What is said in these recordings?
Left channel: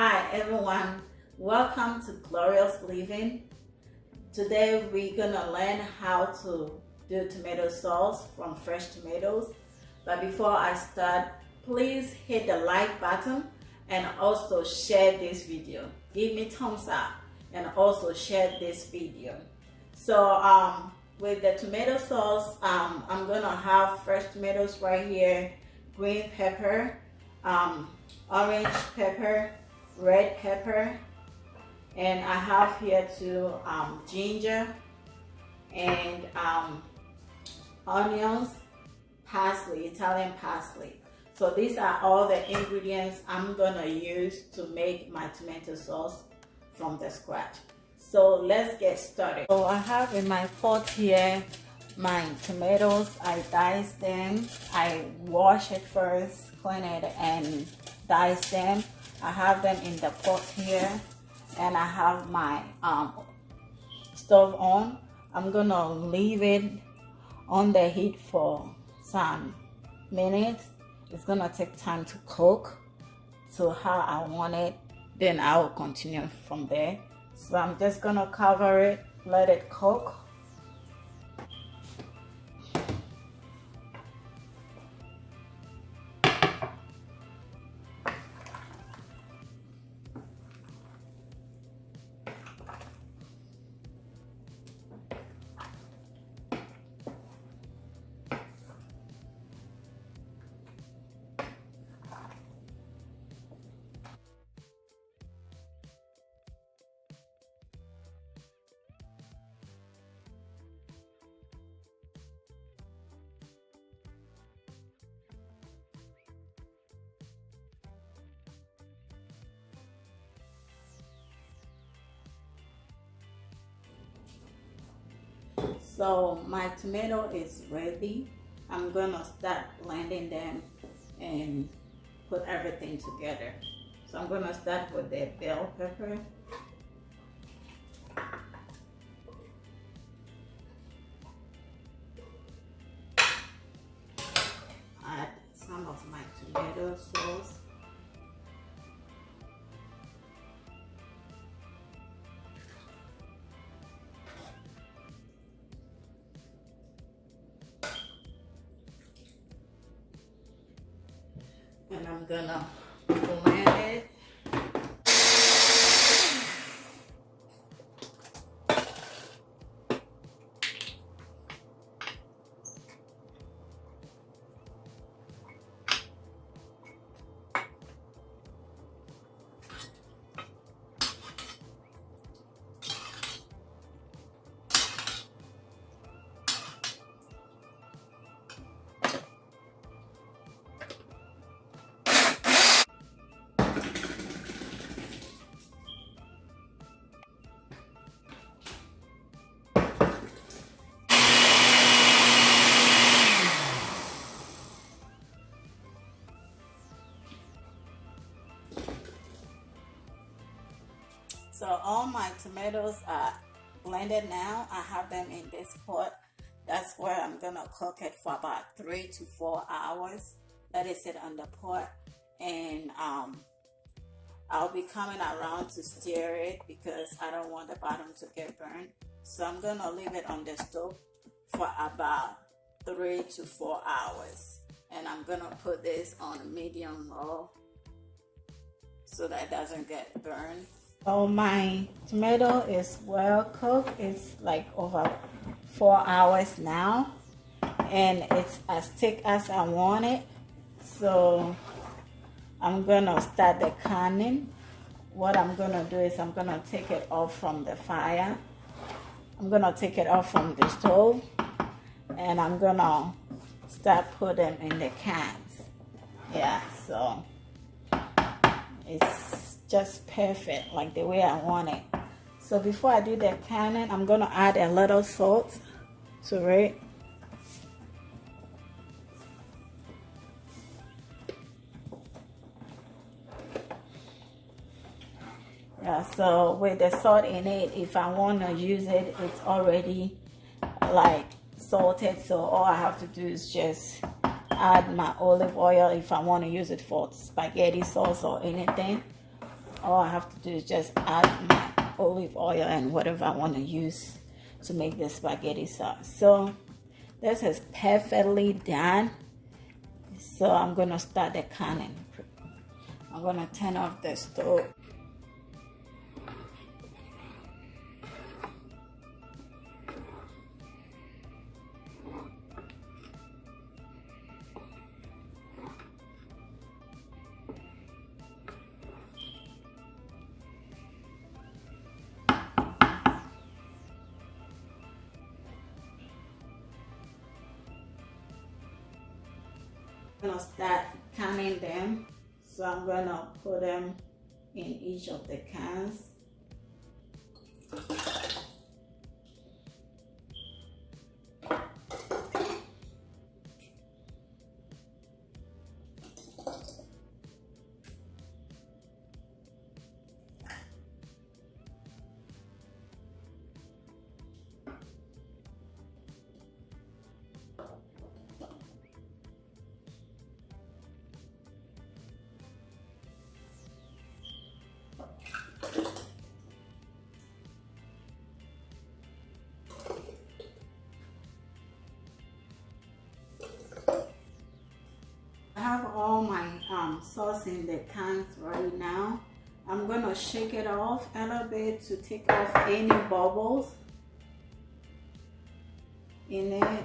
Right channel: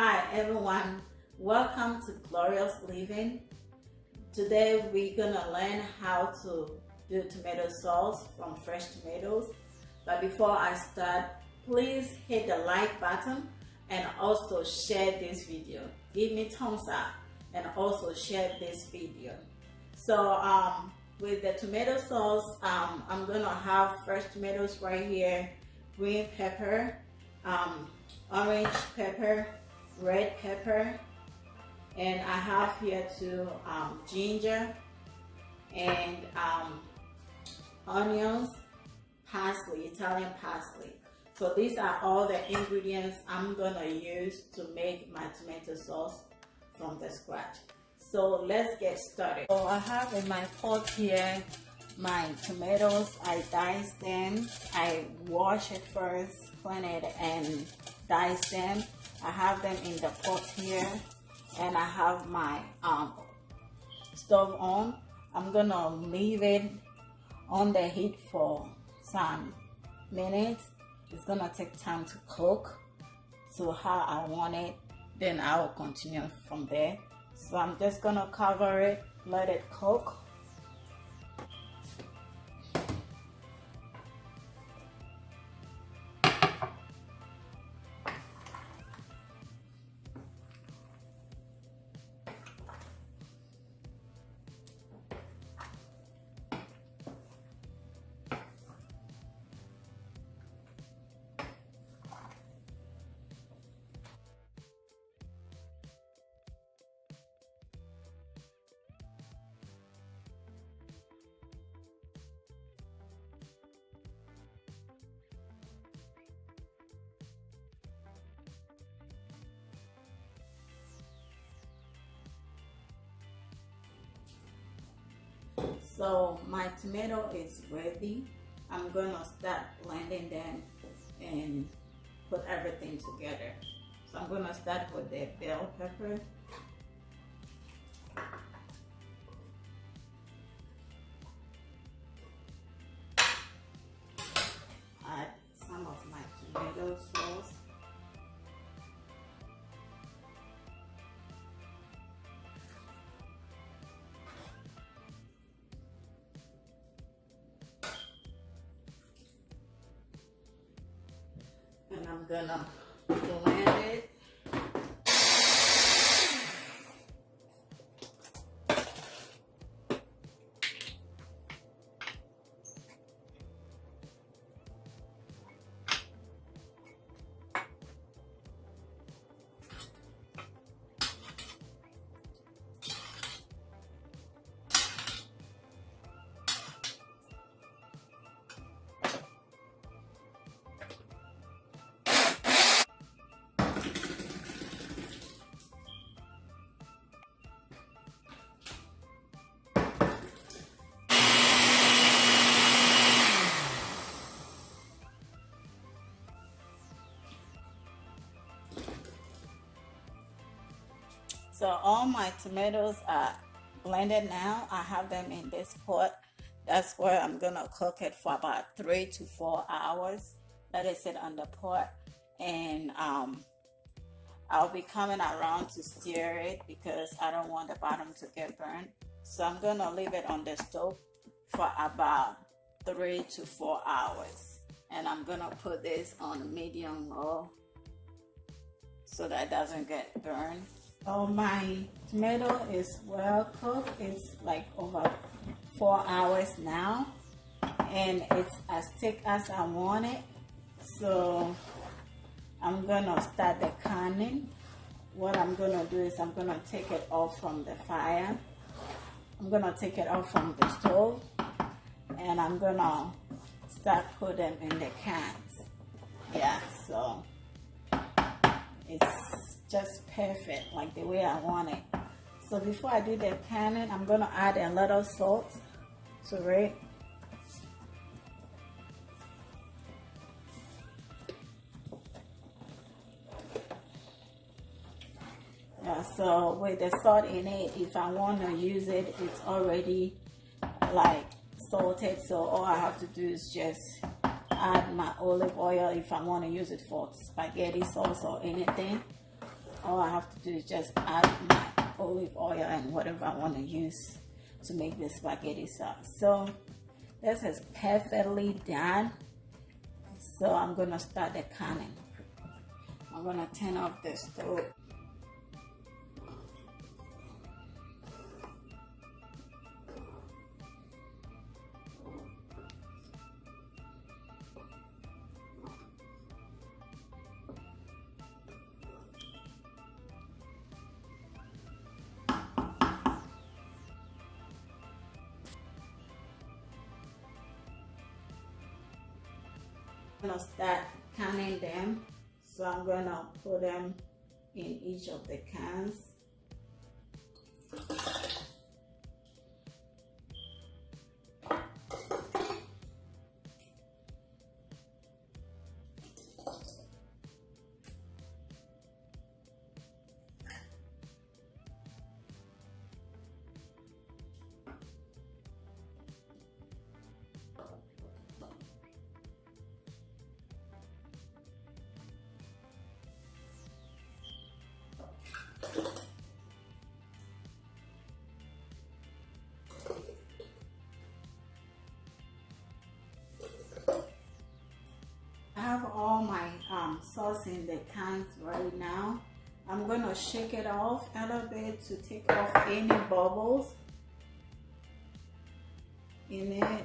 Hi everyone, welcome to Glorious Living. Today we're gonna learn how to do tomato sauce from fresh tomatoes. But before I start, please hit the like button and also share this video. Give me thumbs up and also share this video. So with the tomato sauce, I'm gonna have fresh tomatoes right here, green pepper, orange pepper, red pepper, and I have here too ginger and onions, parsley, Italian parsley. So these are all the ingredients I'm gonna use to make my tomato sauce from the scratch. So let's get started. So I have in my pot here my tomatoes. I dice them, I wash it first, clean it and dice them. I have them in the pot here, and I have my stove on. I'm gonna leave it on the heat for some minutes. It's gonna take time to cook to how I want it, then I will continue from there. So I'm just gonna cover it, let it cook. So my tomato is ready. I'm gonna start blending them and put everything together. So I'm gonna start with the bell pepper. Add some of my tomato sauce. And I'm gonna blend it. So all my tomatoes are blended now. I have them in this pot. That's where I'm gonna cook it for about 3 to 4 hours. Let it sit on the pot, and I'll be coming around to stir it because I don't want the bottom to get burned. So I'm gonna leave it on the stove for about 3 to 4 hours, and I'm gonna put this on medium low so that it doesn't get burned. So my tomato is well cooked. It's like over 4 hours now, and it's as thick as I want it. So I'm gonna start the canning. What I'm gonna do is I'm gonna take it off from the fire. I'm gonna take it off from the stove, and I'm gonna start put them in the cans. Yeah, so it's just perfect, like the way I want it. So before I do the canning, I'm gonna add a little salt to it. Yeah, so with the salt in it, if I want to use it, it's already like salted, so all I have to do is just add my olive oil if I want to use it for spaghetti sauce or anything. All I have to do is just add my olive oil and whatever I want to use to make the spaghetti sauce. So this is perfectly done. So I'm gonna start the canning. I'm gonna turn off the stove. I'm gonna start canning them. So I'm gonna put them in each of the cans. I have all my sauce in the cans right now. I'm gonna shake it off a little bit to take off any bubbles in it,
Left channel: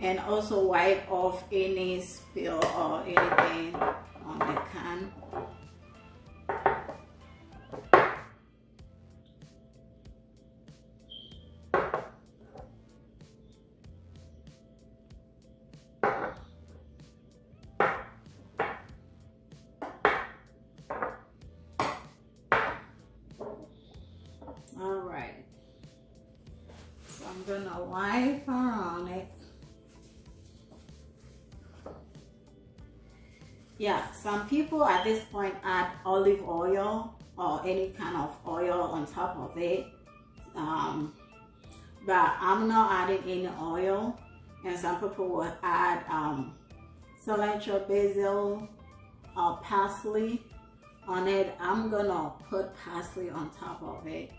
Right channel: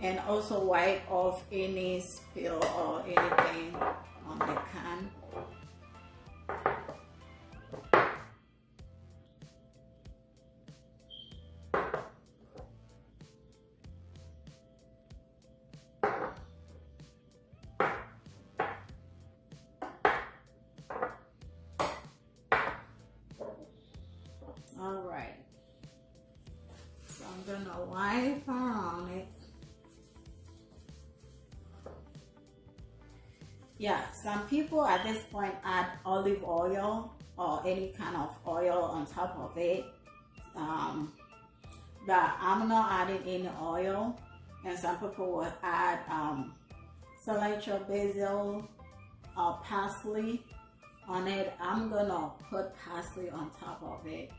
and also wipe off any spill or anything on the can. All right, so I'm gonna wipe around it. Yeah, some people at this point add olive oil or any kind of oil on top of it, but I'm not adding any oil. And some people will add cilantro, basil, or parsley on it. I'm gonna put parsley on top of it.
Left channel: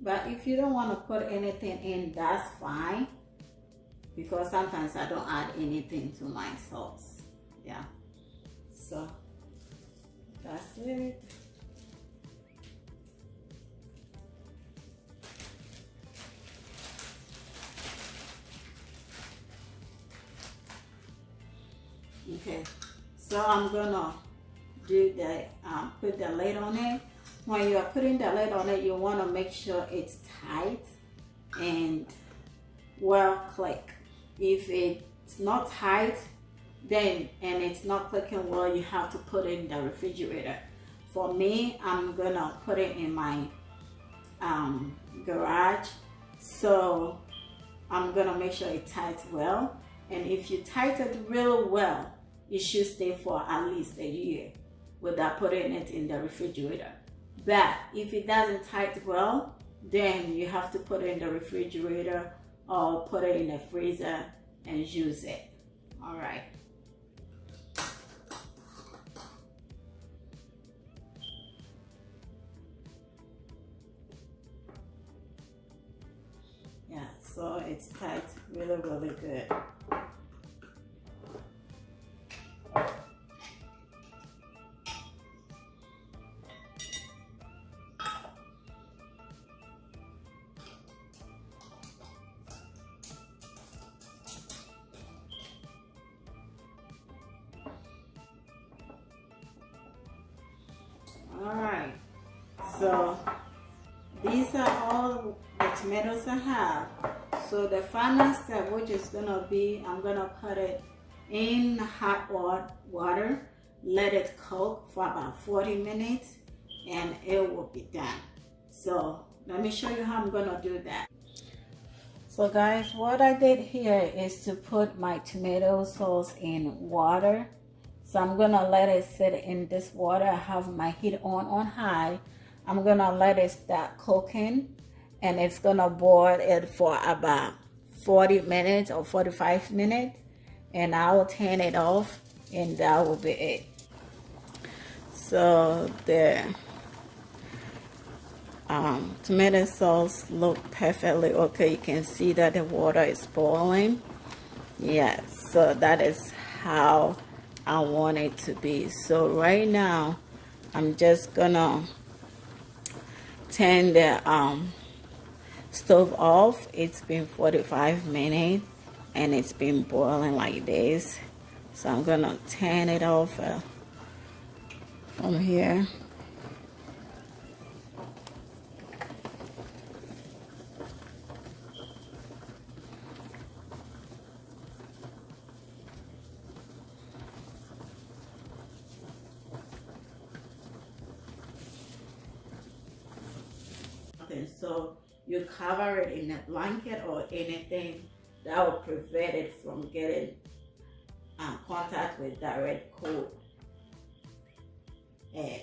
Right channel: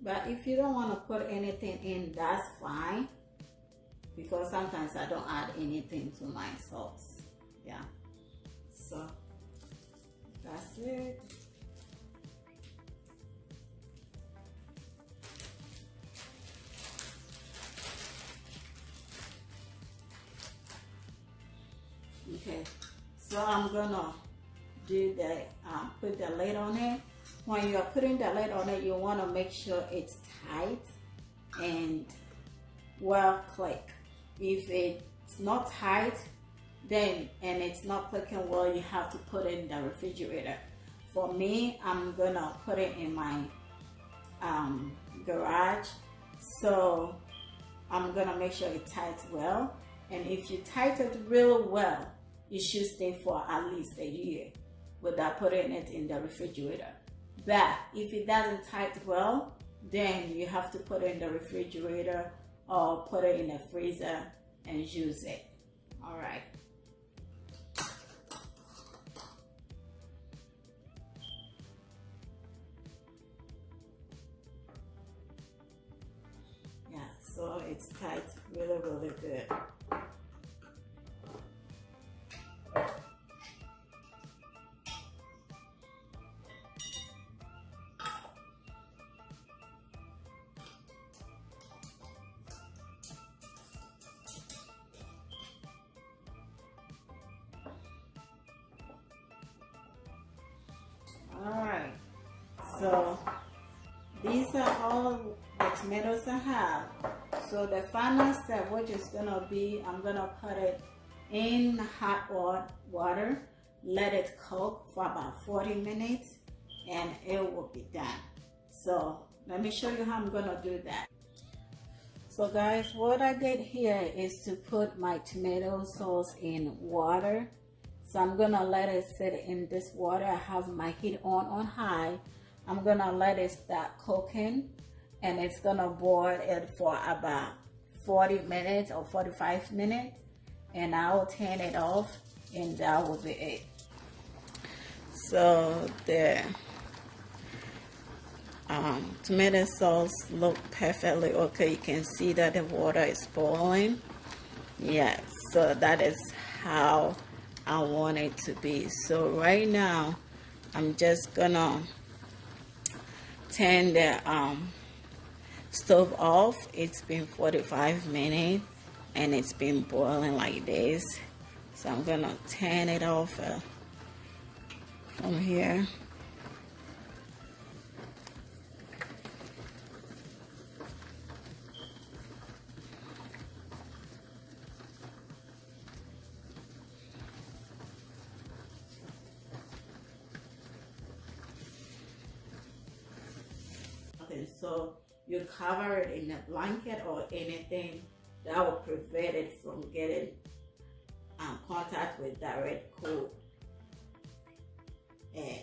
But if you don't want to put anything in, that's fine, because sometimes I don't add anything to my sauce. Yeah, so that's it. Okay, so I'm gonna do the put the lid on it. When you're putting the lid on it, you want to make sure it's tight and well click. If it's not tight, then and it's not clicking well, you have to put it in the refrigerator. For me, I'm gonna put it in my garage, so I'm gonna make sure it tights well. And if you tighten it really well, it should stay for at least a year without putting it in the refrigerator. But if it doesn't tight well, then you have to put it in the refrigerator or put it in the freezer and use it. All right. Yeah, so it's tight really, really good. Alright, so these are all the tomatoes I have. So the final step, which is gonna be, I'm gonna put it in hot water, let it cook for about 40 minutes, and it will be done. So let me show you how I'm gonna do that. So guys, what I did here is to put my tomato sauce in water. So I'm gonna let it sit in this water. I have my heat on high. I'm gonna let it start cooking, and it's gonna boil it for about 40 minutes or 45 minutes, and I will turn it off, and that will be it. So the tomato sauce look perfectly okay. You can see that the water is boiling. Yes, so that is how I want it to be. So right now I'm just gonna turn the stove off. It's been 45 minutes and it's been boiling like this. So I'm gonna turn it off from here. Okay, so you cover it in a blanket or anything that will prevent it from getting contact with direct cold air.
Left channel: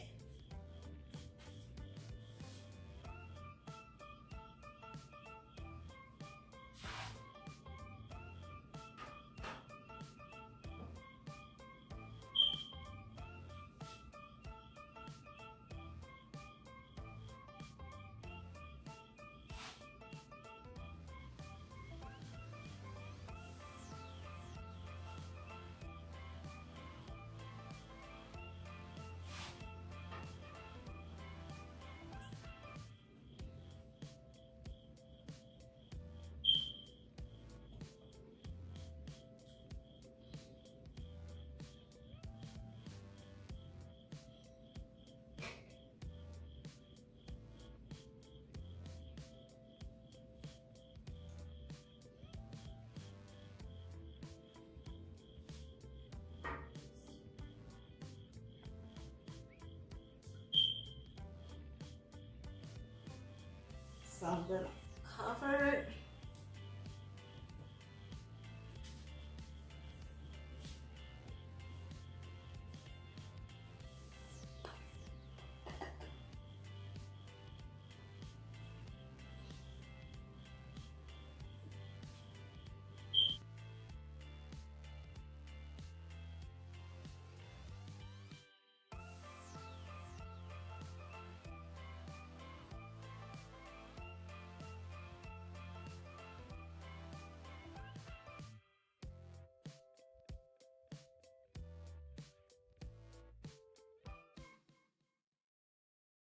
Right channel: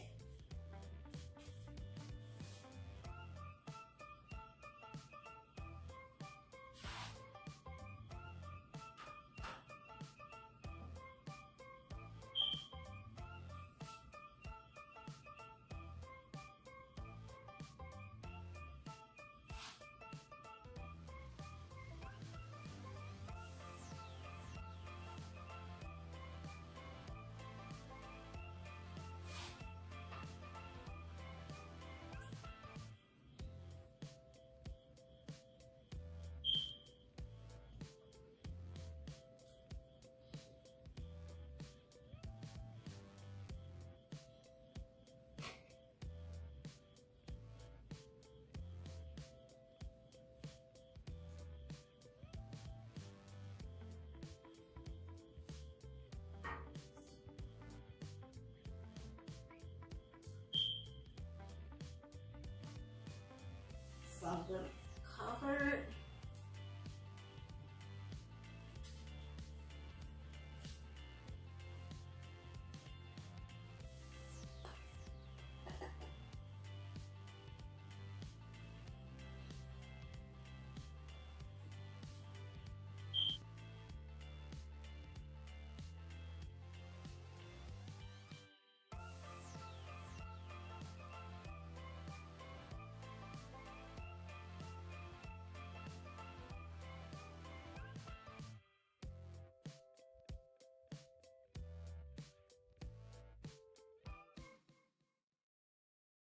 So I'm gonna cover it.